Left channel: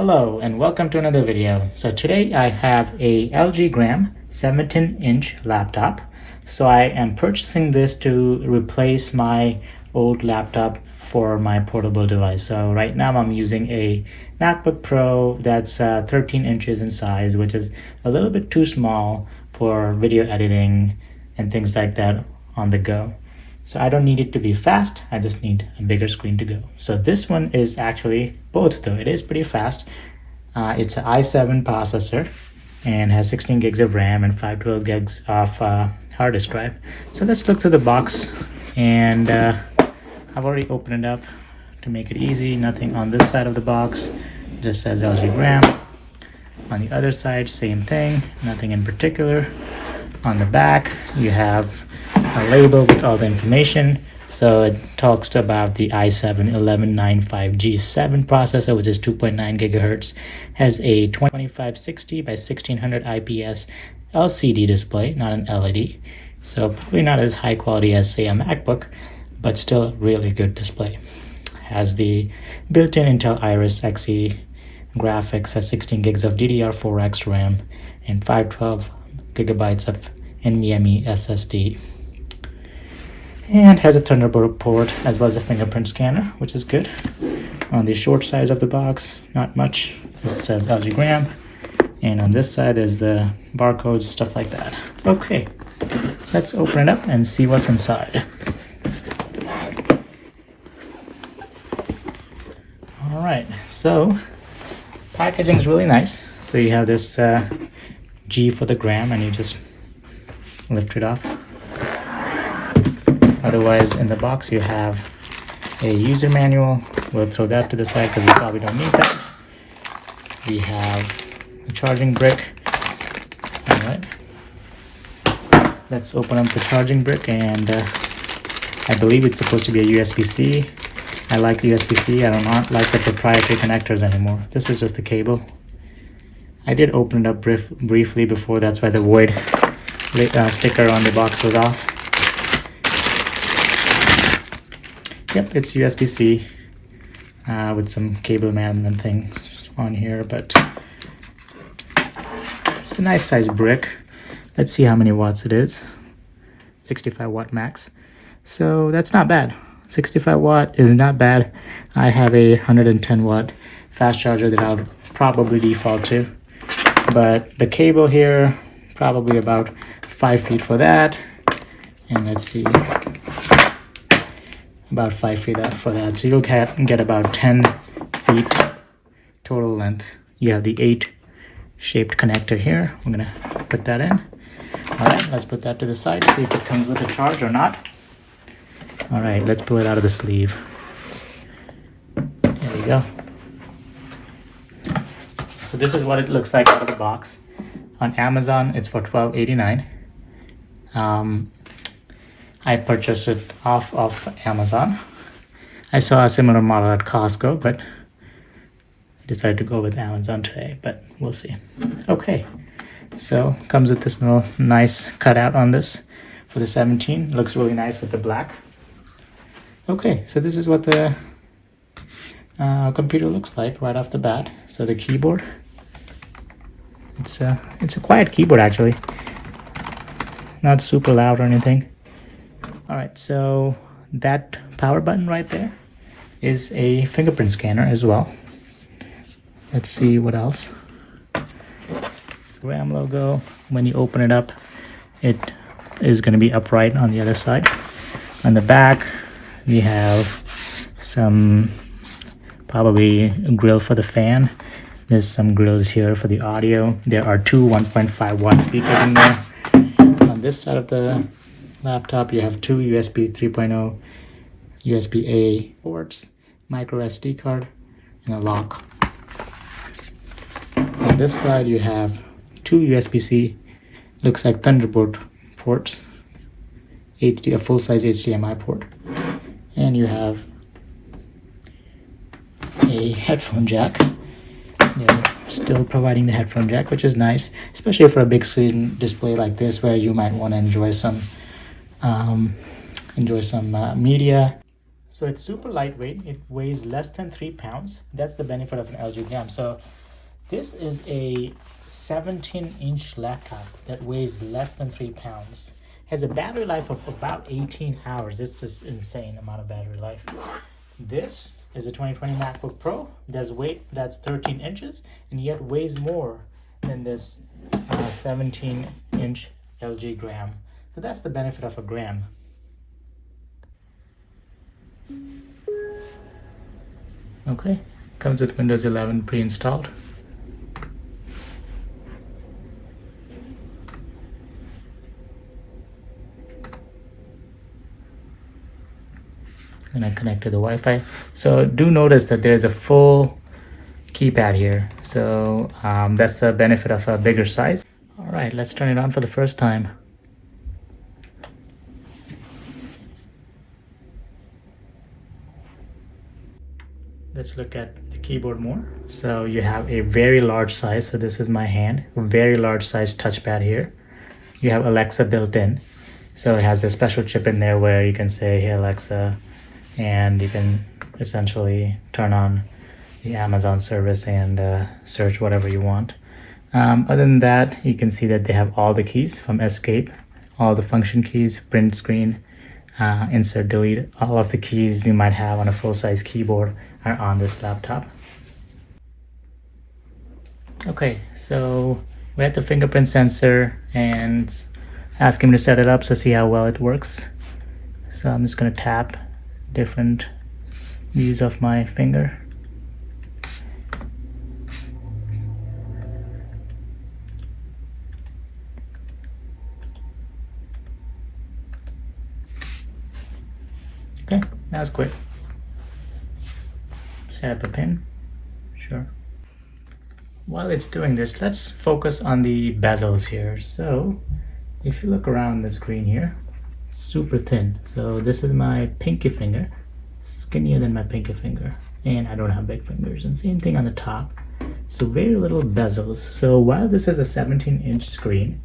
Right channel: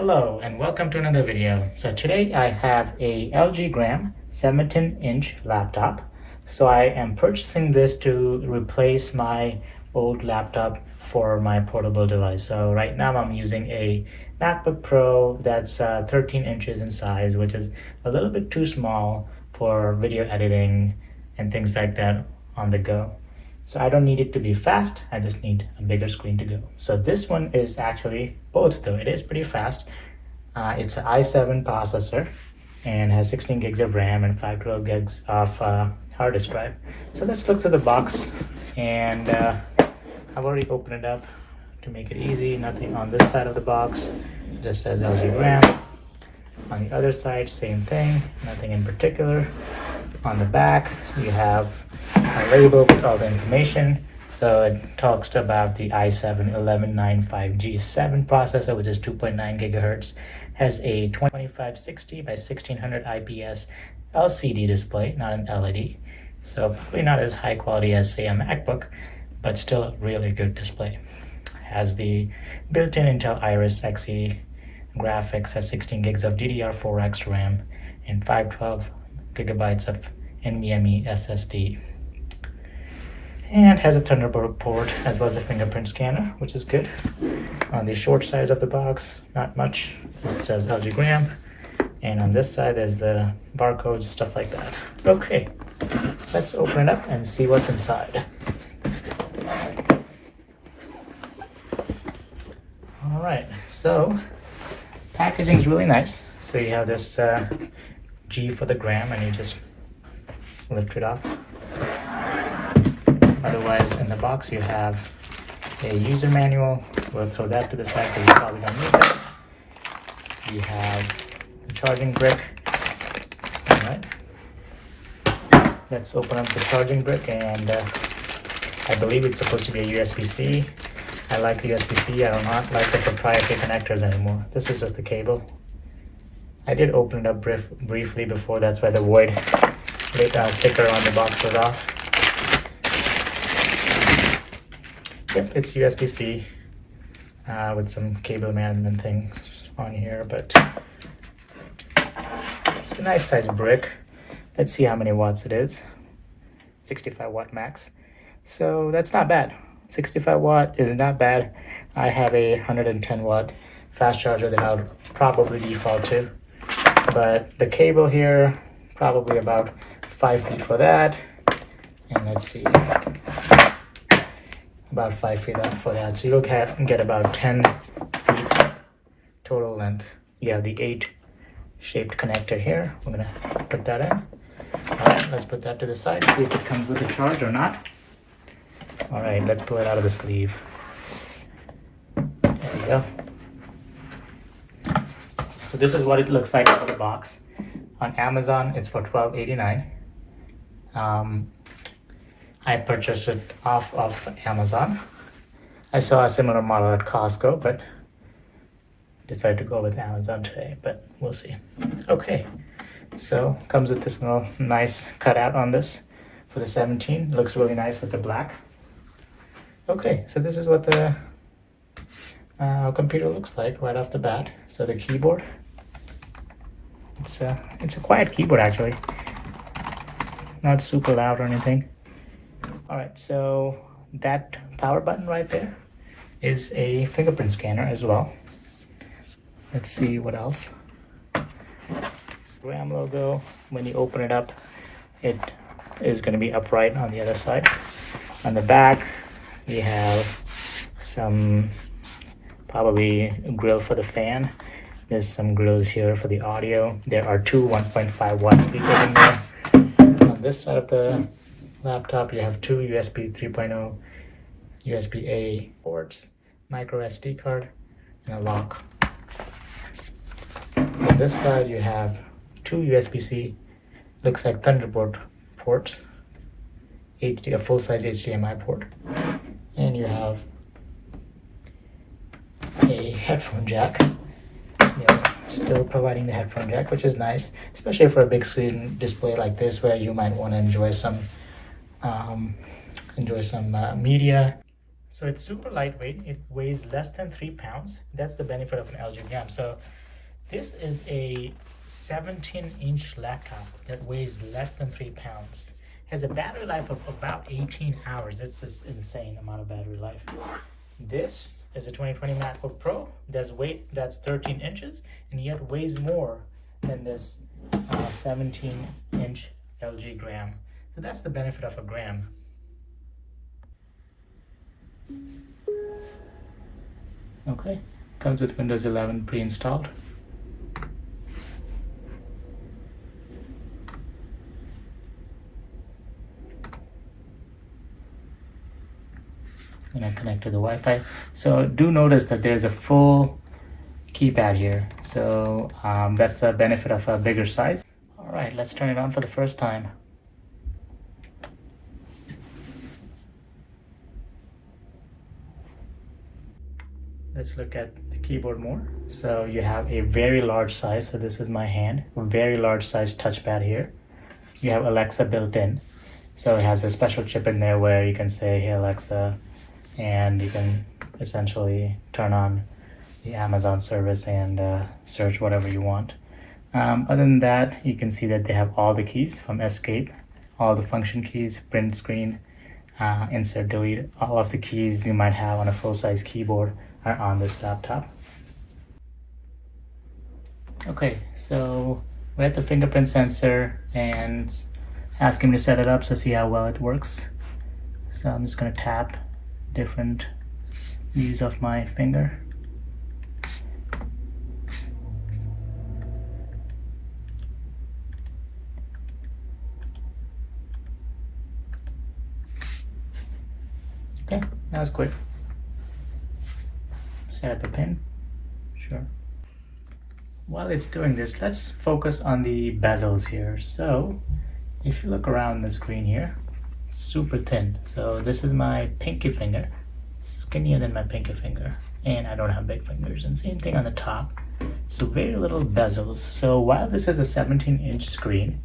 Hello and welcome to another video. So today I have a LG Gram 17-inch laptop. So I am purchasing this to replace my old laptop for my portable device. So right now I'm using a MacBook Pro that's 13 inches in size, which is a little bit too small for video editing and things like that on the go. So I don't need it to be fast, I just need a bigger screen to go. So this one is actually both though. It is pretty fast. It's an i7 processor and has 16 gigs of RAM and 512 gigs of hard disk drive. So let's look through the box, and I've already opened it up to make it easy. Nothing on this side of the box, just says LG Gram. On the other side, same thing, nothing in particular. On the back, you have a label with all the information. So it talks about the i7-11995G7 processor, which is 2.9 gigahertz, has a 2560 by 1600 IPS LCD display, not an LED. So probably not as high quality as, say, a MacBook, but still really good display. Has the built-in Intel Iris Xe graphics, has 16 gigs of DDR4X RAM and 512 gigabytes of NVMe SSD, and has a Thunderbolt port as well as a fingerprint scanner, which is good. On the short side of the box, not much. This says LG Gram, and on this side is the barcodes, stuff like that. Okay, let's open it up and see what's inside. All right, so packaging is really nice. So you have this G for the gram, and you just lift it off. Otherwise, in the box you have a user manual. We'll throw that to the side because we probably don't need that. We have a charging brick. Alright, let's open up the charging brick, and I believe it's supposed to be a USB-C. I like USB-C. I do not like the proprietary connectors anymore. This is just the cable. I did open it up briefly before, that's why the void sticker on the box was off. Yep, it's USB-C with some cable management things on here, but it's a nice size brick. Let's see how many watts it is. 65 watt max. So that's not bad. 65 watt is not bad. I have a 110 watt fast charger that I'll probably default to. But the cable here, probably about 5 feet for that. And let's see, about 5 feet for that. So you'll get about 10 feet total length. You have the 8 shaped connector here. I'm gonna put that in. All right, let's put that to the side, see if it comes with a charge or not. All right, let's pull it out of the sleeve. There we go. So this is what it looks like out of the box. On Amazon, it's for $12.89. I purchased it off of Amazon. I saw a similar model at Costco, but I decided to go with Amazon today, but we'll see. Okay, so comes with this little nice cutout on this for the 17. Looks really nice with the black. Okay, so this is what the computer looks like right off the bat. So the keyboard, it's a quiet keyboard actually, not super loud or anything. All right, so that power button right there is a fingerprint scanner as well. Let's see what else. RAM logo. When you open it up, it is going to be upright on the other side. On the back, we have some probably a grill for the fan. There's some grills here for the audio. There are two 1.5 watt speakers in there. On this side of the laptop, you have two USB 3.0 USB-A ports, micro SD card, and a lock. On this side, you have two USB-C, looks like Thunderbolt ports, a full-size HDMI port, and you have a headphone jack. They're still providing the headphone jack, which is nice, especially for a big screen display like this, where you might want to enjoy some media. So it's super lightweight. It weighs less than 3 pounds. That's the benefit of an LG gram. So this is a 17-inch laptop that weighs less than 3 pounds. Has a battery life of about 18 hours. This is insane amount of battery life. This is a 2020 MacBook Pro. Does weight that's 13 inches and yet weighs more than this 17-inch LG gram. So that's the benefit of a gram. Okay, comes with Windows 11 pre-installed. I'm gonna connect to the Wi-Fi. So do notice that there's a full keypad here. So that's the benefit of a bigger size. All right, let's turn it on for the first time. Let's look at the keyboard more. So you have a very large size. So this is my hand, very large size touchpad here. You have Alexa built in. So it has a special chip in there where you can say, hey Alexa, and you can essentially turn on the Amazon service and search whatever you want. Other than that, you can see that they have all the keys from escape, all the function keys, print screen, insert, delete. All of the keys you might have on a full-size keyboard are on this laptop. Okay, so we have the fingerprint sensor and ask him to set it up so see how well it works. So I'm just going to tap different views of my finger. Okay, that's quick. Set up a pin. Sure. While it's doing this, let's focus on the bezels here. So if you look around the screen here, it's super thin. So this is my pinky finger, skinnier than my pinky finger, and I don't have big fingers. And same thing on the top. So very little bezels. So while this is a 17-inch screen,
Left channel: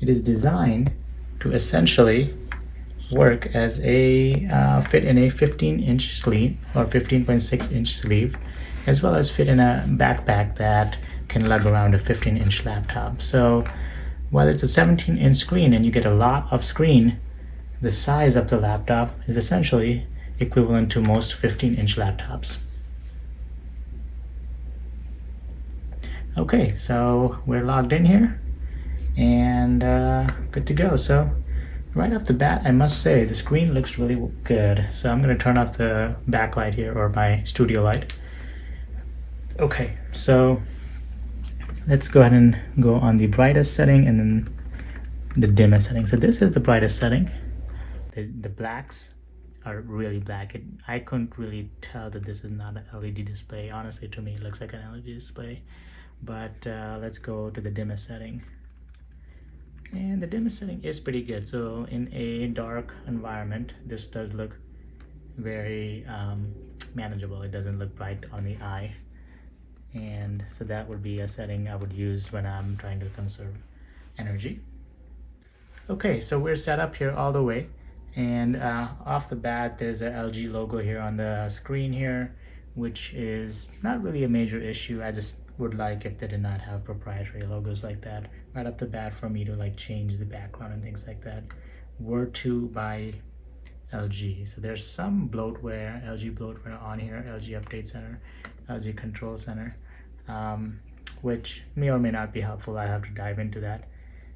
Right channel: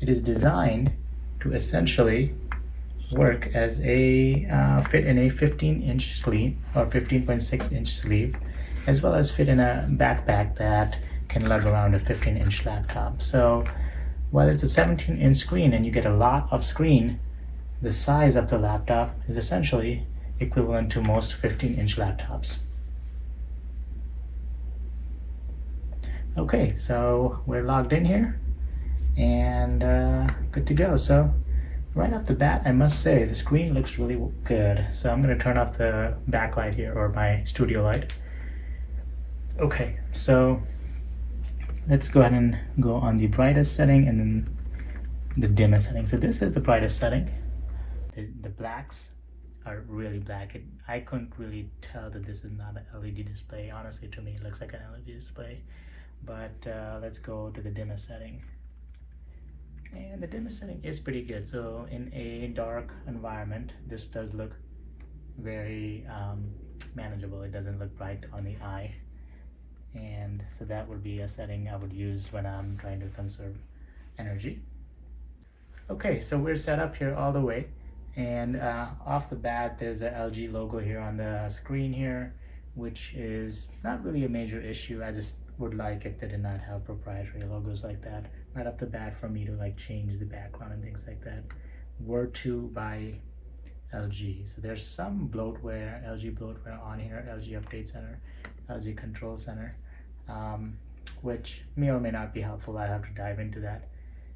it is designed to essentially work as a fit in a 15-inch sleeve or 15.6-inch sleeve, as well as fit in a backpack that can lug around a 15-inch laptop. So while it's a 17-inch screen and you get a lot of screen, the size of the laptop is essentially equivalent to most 15-inch laptops. Okay, so we're logged in here and good to go. So right off the bat, I must say the screen looks really good. So I'm going to turn off the backlight here, or my studio light. Okay, so let's go ahead and go on the brightest setting and then the dimmest setting. So this is the brightest setting. The blacks are really black. I couldn't really tell that this is not an LED display. Honestly, to me, it looks like an LED display. But let's go to the dimmest setting. And the dimmest setting is pretty good. So in a dark environment, this does look very manageable. It doesn't look bright on the eye. And so that would be a setting I would use when I'm trying to conserve energy. Okay, so we're set up here all the way. And off the bat, there's a LG logo here on the screen here, which is not really a major issue. I just would like if they did not have proprietary logos like that right off the bat for me to like change the background and things like that. Were to by LG. So there's some bloatware, LG bloatware on here, LG Update Center, LG Control Center, which may or may not be helpful. I have to dive into that.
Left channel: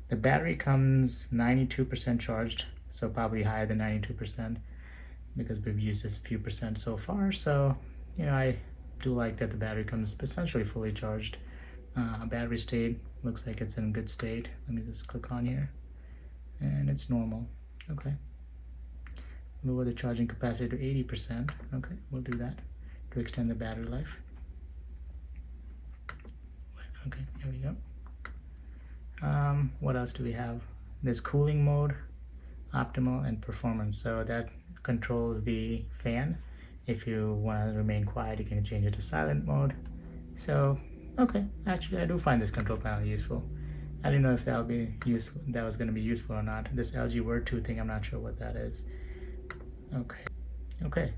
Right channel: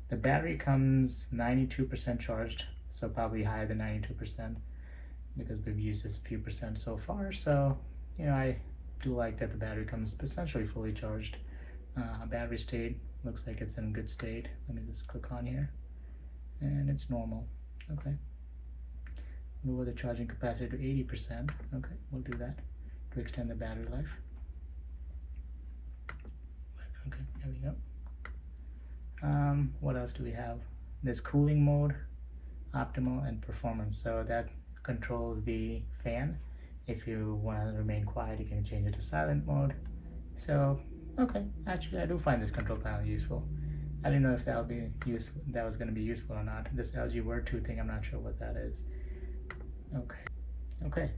The battery comes 92% charged, so probably higher than 92% because we've used this a few percent so far. So, you know, I do like that the battery comes essentially fully charged. Battery state looks like it's in good state. Let me just click on here, and it's normal. Okay. Lower the charging capacity to 80%. Okay, we'll do that to extend the battery life. Okay, there we go. What else do we have? There's cooling mode, optimal, and performance. So that controls the fan. If you want to remain quiet, you can change it to silent mode. So, okay, actually I do find this control panel useful. I didn't know if that'll be useful, that was going to be useful or not. This LG Word 2 thing, I'm not sure what that is. Okay, Okay,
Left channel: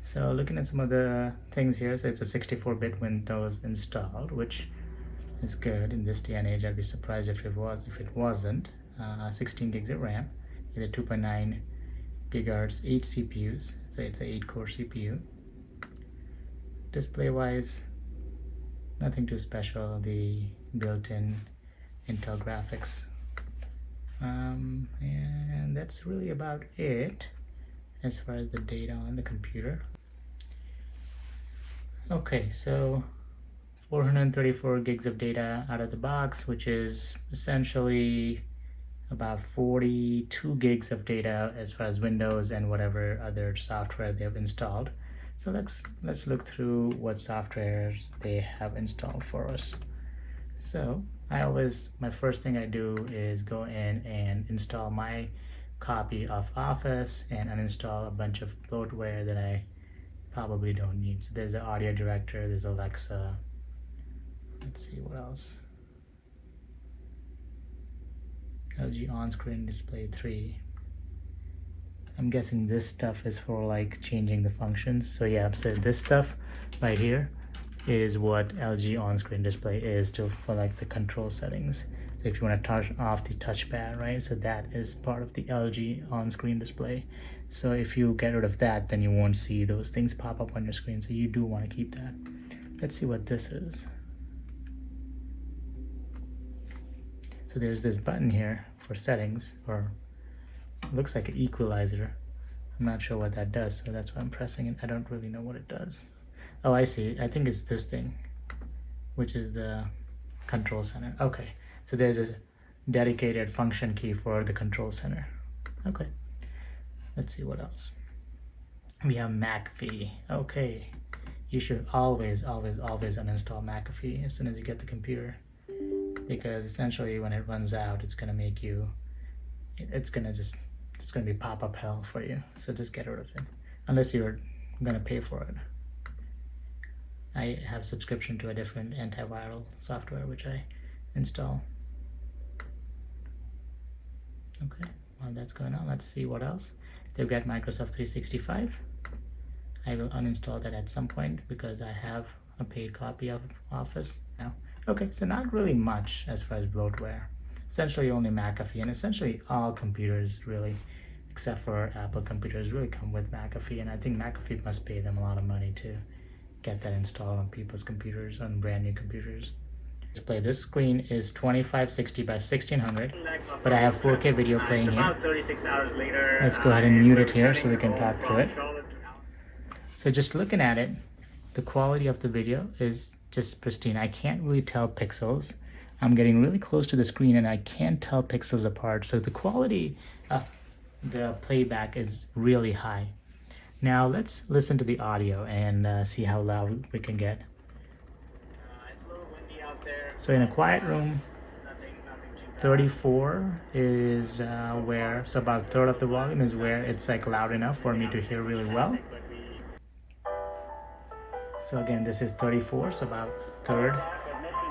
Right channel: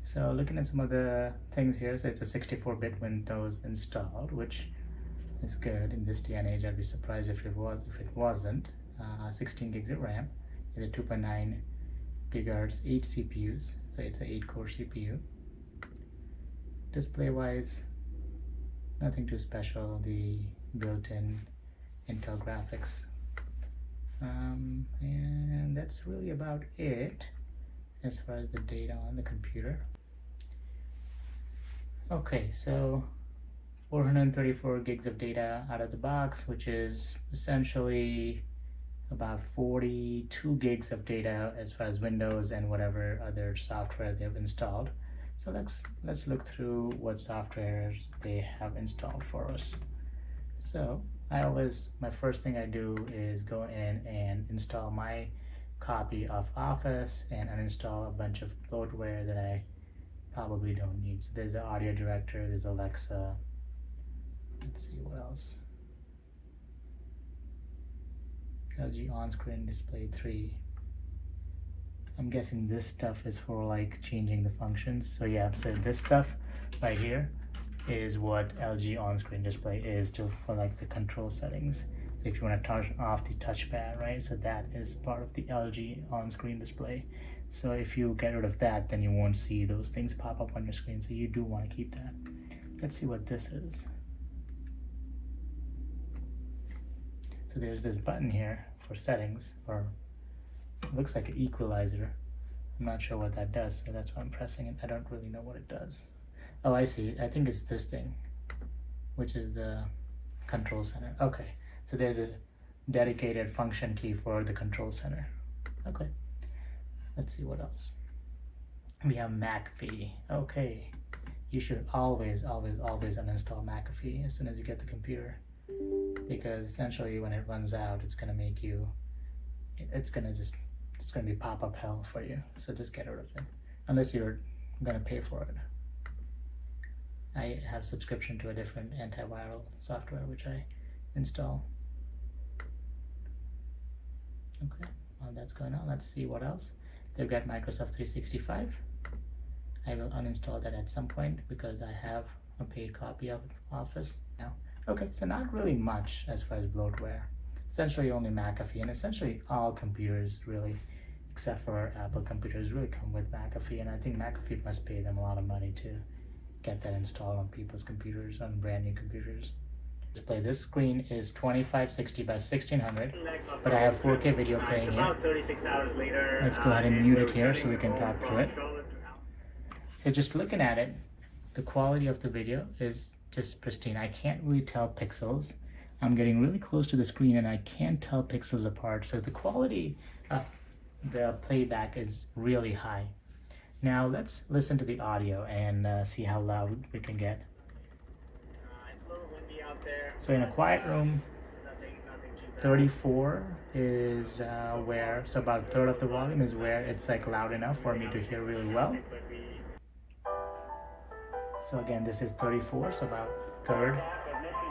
so looking at some of the things here, so it's a 64-bit Windows installed, which is good in this day and age. I'd be surprised if it wasn't. 16 gigs of RAM, either 2.9 gigahertz, 8 CPUs, so it's an 8-core CPU. Display wise, nothing too special. The built-in Intel graphics, and that's really about it as far as the data on the computer. Okay, so 434 gigs of data out of the box, which is essentially about 42 gigs of data as far as Windows and whatever other software they've installed. So let's look through what softwares they have installed for us. So my first thing I do is go in and install my copy of Office and uninstall a bunch of bloatware that I probably don't need. So there's the audio director, there's Alexa. Let's see what else. LG on-screen display 3. I'm guessing this stuff is for like changing the functions. So yeah, so this stuff right here is what LG on-screen display is for like the control settings. So if you want to turn off the touchpad, right? So that is part of the LG on-screen display. So if you get rid of that, then you won't see those things pop up on your screen. So you do want to keep that. Let's see what this is. So there's this button here for settings, or it looks like an equalizer. I'm not sure what that does, so that's why I'm pressing it. I don't really know what it does. Oh, I see. I think it's this thing, which is the control center. Okay, so there's a dedicated function key for the control center. Okay, let's see what else. We have McAfee. Okay, you should always uninstall McAfee as soon as you get the computer, because essentially when it runs out, it's gonna make you, it's gonna be pop-up hell for you. So just get rid of it, unless you're gonna pay for it. I have subscription to a different antiviral software which I install. Okay, while that's going on, let's see what else. They've got Microsoft 365. I will uninstall that at some point because I have a paid copy of Office now. Okay, so not really much as far as bloatware. Essentially only McAfee, and essentially all computers really, except for Apple computers, really come with McAfee, and I think McAfee must pay them a lot of money to get that installed on people's computers, on brand new computers. Display. This screen is 2560 by 1600, but I have 4K video playing here. About 36 hours later. Let's go ahead and mute it here so we can talk through it. So just looking at it, the quality of the video is just pristine. I can't really tell pixels. I'm getting really close to the screen and I can't tell pixels apart. So the quality of the playback is really high. Now let's listen to the audio and see how loud we can get. It's a little windy out there. So in a quiet room, 34 is where, so about a third of the volume is where it's like loud enough for me to hear really well. So again, this is 34, so about a third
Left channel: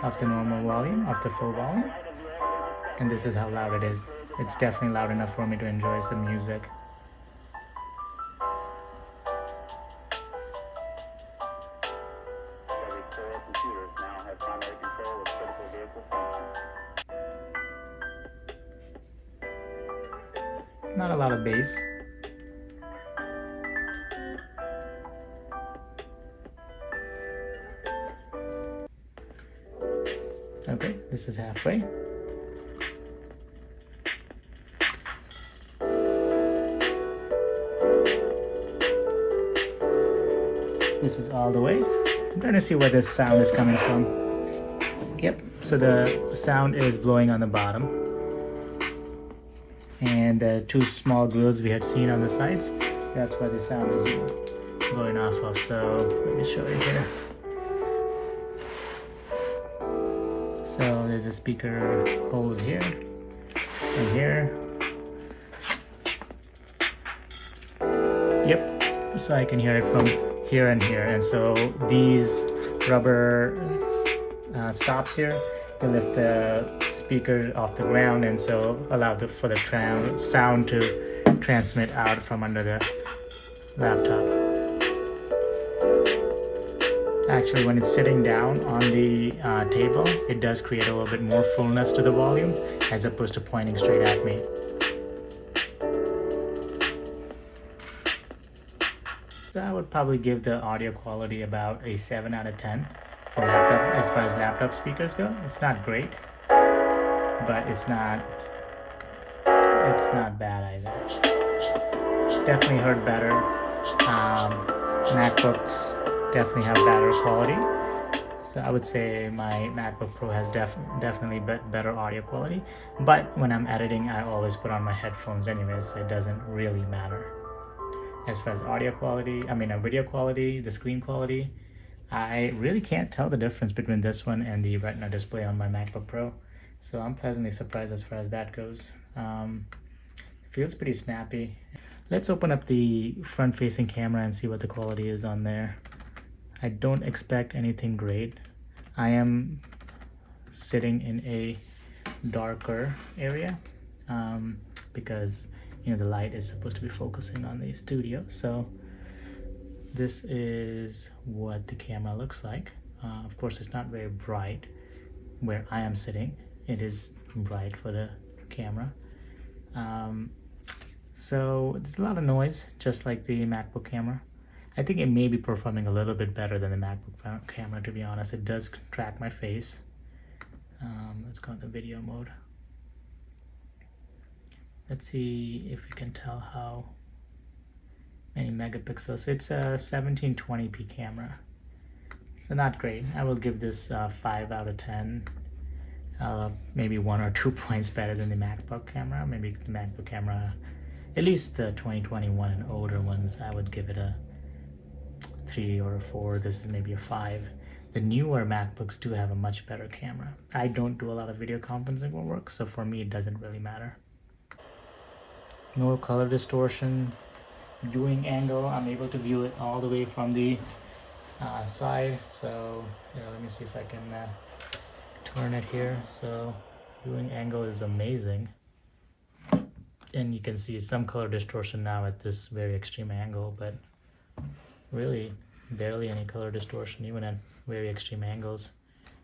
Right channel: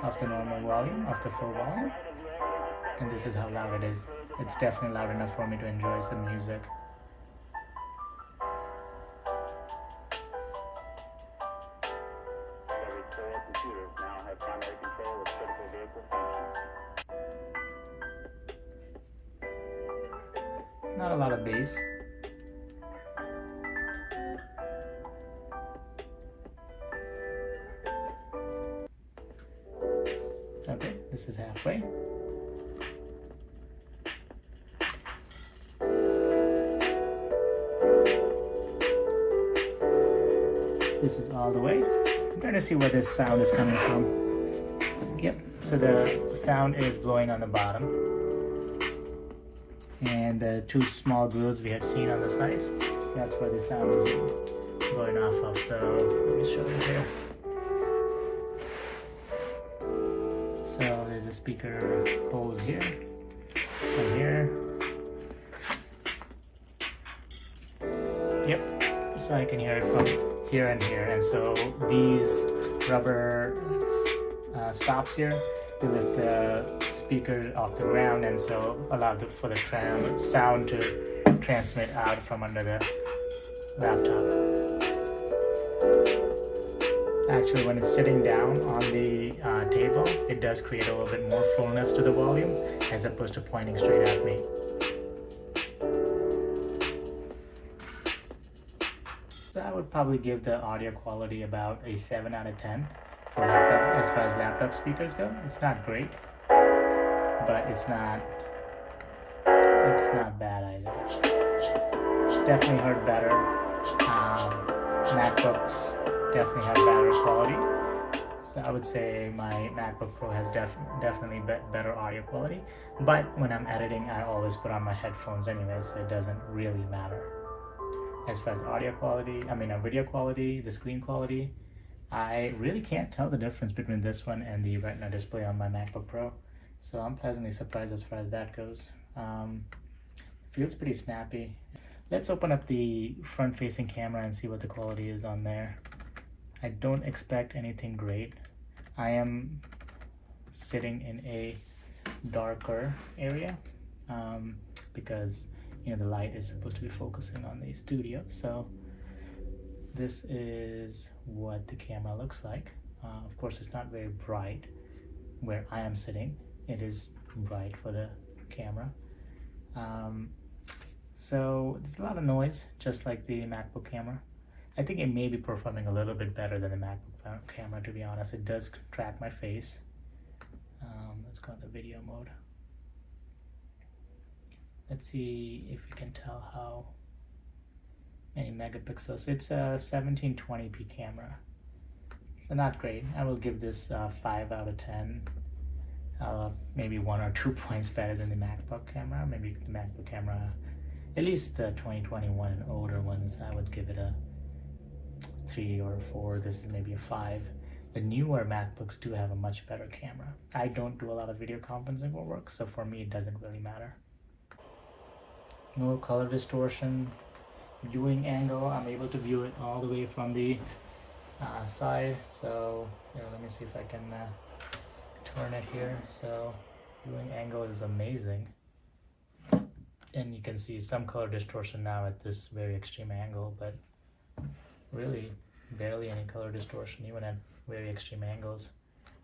of the normal volume, of the full volume. And this is how loud it is. It's definitely loud enough for me to enjoy some music. Computers now have primary control of critical vehicle functions. Not a lot of bass. Okay, this is halfway. This is all the way. I'm trying to see where this sound is coming from. Yep, so the sound is blowing on the bottom. And the two small grills we had seen on the sides, that's where the sound is blowing off of. So let me show you here. So there's a speaker holes here, and here. Yep, so I can hear it from here and here, and so these rubber stops here to lift the speaker off the ground, and so allow for the sound to transmit out from under the laptop. Actually, when it's sitting down on the table, it does create a little bit more fullness to the volume as opposed to pointing straight at me. So I would probably give the audio quality about a 7 out of 10 for laptop. As far as laptop speakers go, it's not great, but it's not bad either. Definitely heard better. MacBooks definitely have better quality. So I would say my MacBook Pro has definitely better audio quality. But when I'm editing, I always put on my headphones anyways, so it doesn't really matter. As far as audio quality, video quality, the screen quality, I really can't tell the difference between this one and the Retina display on my MacBook Pro. So I'm pleasantly surprised as far as that goes. Feels pretty snappy. Let's open up the front-facing camera and see what the quality is on there. I don't expect anything great. I am sitting in a darker area because the light is supposed to be focusing on the studio. So this is what the camera looks like. Of course, it's not very bright where I am sitting. It is bright for the camera. So there's a lot of noise, just like the MacBook camera. I think it may be performing a little bit better than the MacBook camera, to be honest. It does track my face. Let's go into video mode. Let's see if we can tell how many megapixels. So it's a 1720p camera. So not great. I will give this 5 out of 10. Maybe 1 or 2 points better than the MacBook camera. Maybe the MacBook camera, at least the 2021 and older ones, I would give it a 3 or a 4. This is maybe a 5. The newer MacBooks do have a much better camera. I don't do a lot of video conferencing work, so for me it doesn't really matter. No color distortion. Viewing angle, I'm able to view it all the way from the side. So let me see if I can turn it here. So viewing angle is amazing. And you can see some color distortion now at this very extreme angle, but really barely any color distortion even at very extreme angles.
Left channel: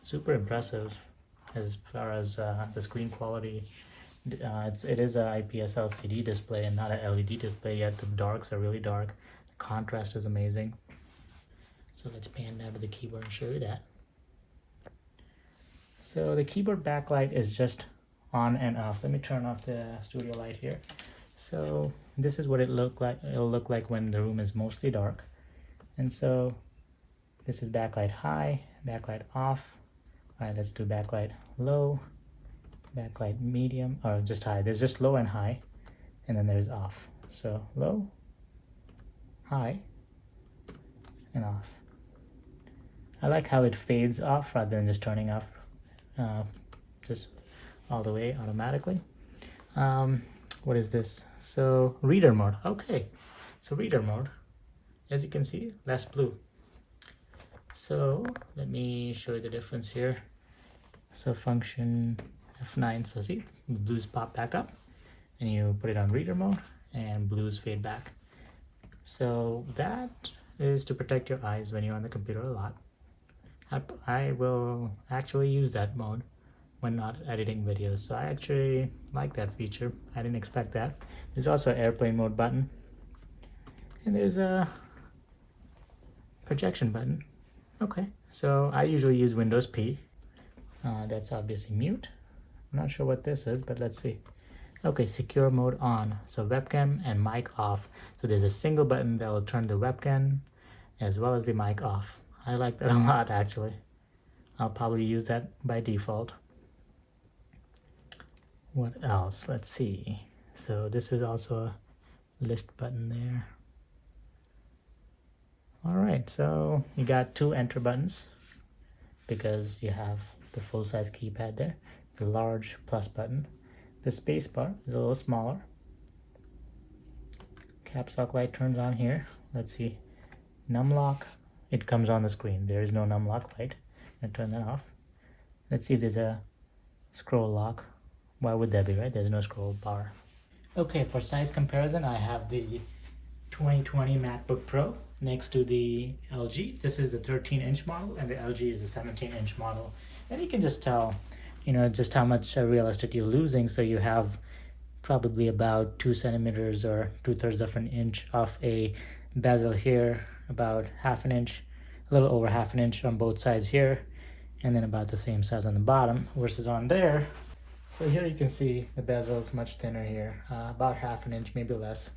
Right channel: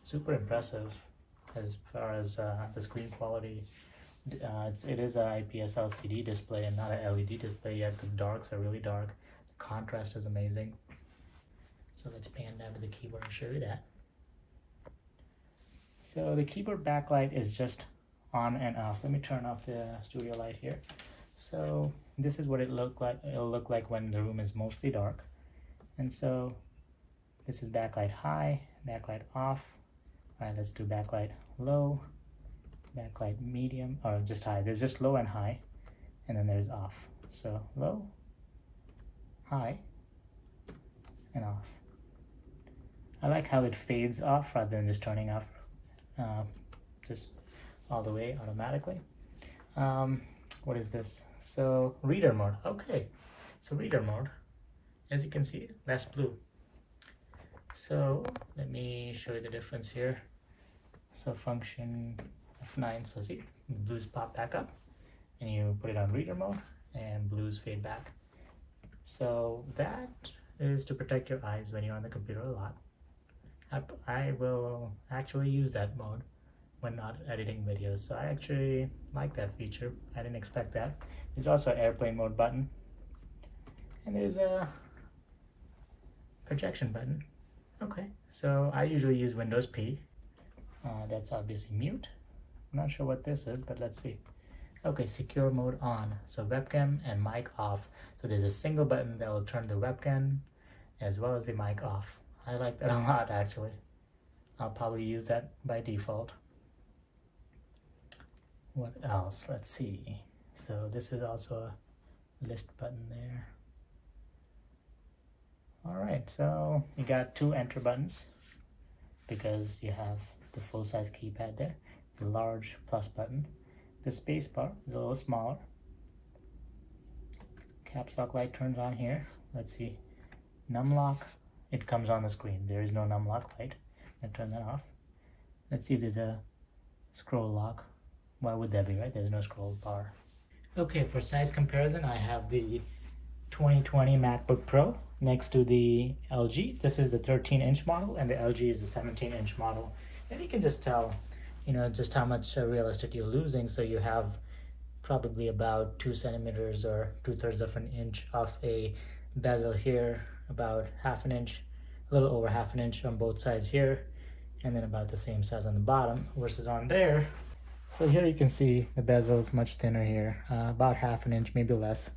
Super impressive as far as the screen quality. It is an IPS LCD display and not an LED display, yet the darks are really dark. The contrast is amazing. So let's pan down to the keyboard and show you that. So the keyboard backlight is just on and off. Let me turn off the studio light here. So this is what it'll look like when the room is mostly dark. And so this is backlight high, backlight off. All right, let's do backlight low, backlight medium, or just high. There's just low and high, and then there's off. So low, high, and off. I like how it fades off rather than just turning off just all the way automatically. What is this? So reader mode. Okay, so reader mode, as you can see, less blue. So let me show you the difference here. So function F9, so see, the blues pop back up, and you put it on reader mode and blues fade back. So that is to protect your eyes when you're on the computer a lot. I will actually use that mode when not editing videos, so I actually like that feature. I didn't expect that. There's also an airplane mode button, and there's a projection button. Okay, so I usually use Windows P. That's obviously mute. I'm not sure what this is, but let's see. Okay, secure mode on. So webcam and mic off. So there's a single button that will turn the webcam as well as the mic off. I like that a lot, actually. I'll probably use that by default. What else? Let's see. So this is also a list button there. All right, so you got 2 enter buttons because you have the full-size keypad there, the large plus button. The space bar is a little smaller. Caps lock light turns on here. Let's see. Num lock, it comes on the screen. There is no num lock light. And turn that off. Let's see if there's a scroll lock. Why would there be, right? There's no scroll bar. Okay, for size comparison, I have the 2020 MacBook Pro next to the LG. This is the 13-inch model, and the LG is the 17-inch model. And you can just tell, just how much real estate you're losing. So you have probably about 2 centimeters or 2/3 of an inch of a bezel here, about half an inch, a little over half an inch on both sides here, and then about the same size on the bottom versus on there. So here you can see the bezel is much thinner here, about half an inch, maybe less.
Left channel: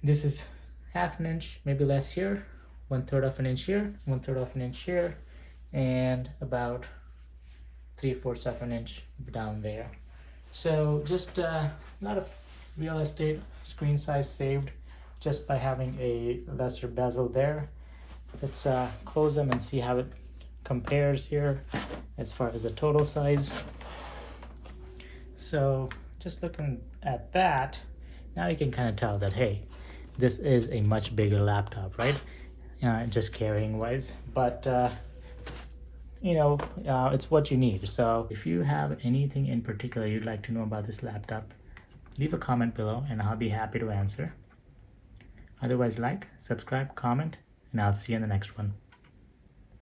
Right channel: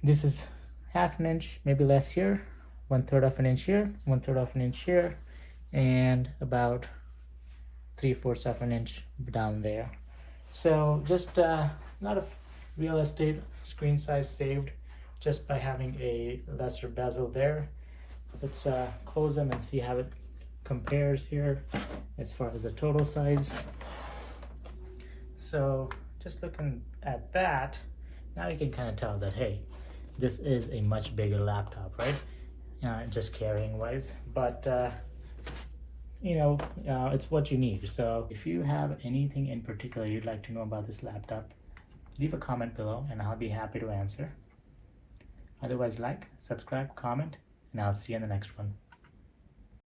This is half an inch, maybe less here, 1/3 of an inch here, 1/3 of an inch here, and about 3/4 of an inch down there. So just a lot of real estate screen size saved just by having a lesser bezel there. Let's close them and see how it compares here as far as the total size. So just looking at that, now you can kind of tell that, hey, this is a much bigger laptop, right? Just carrying wise, but it's what you need. So if you have anything in particular you'd like to know about this laptop, leave a comment below and I'll be happy to answer. Otherwise, like, subscribe, comment, and I'll see you in the next one.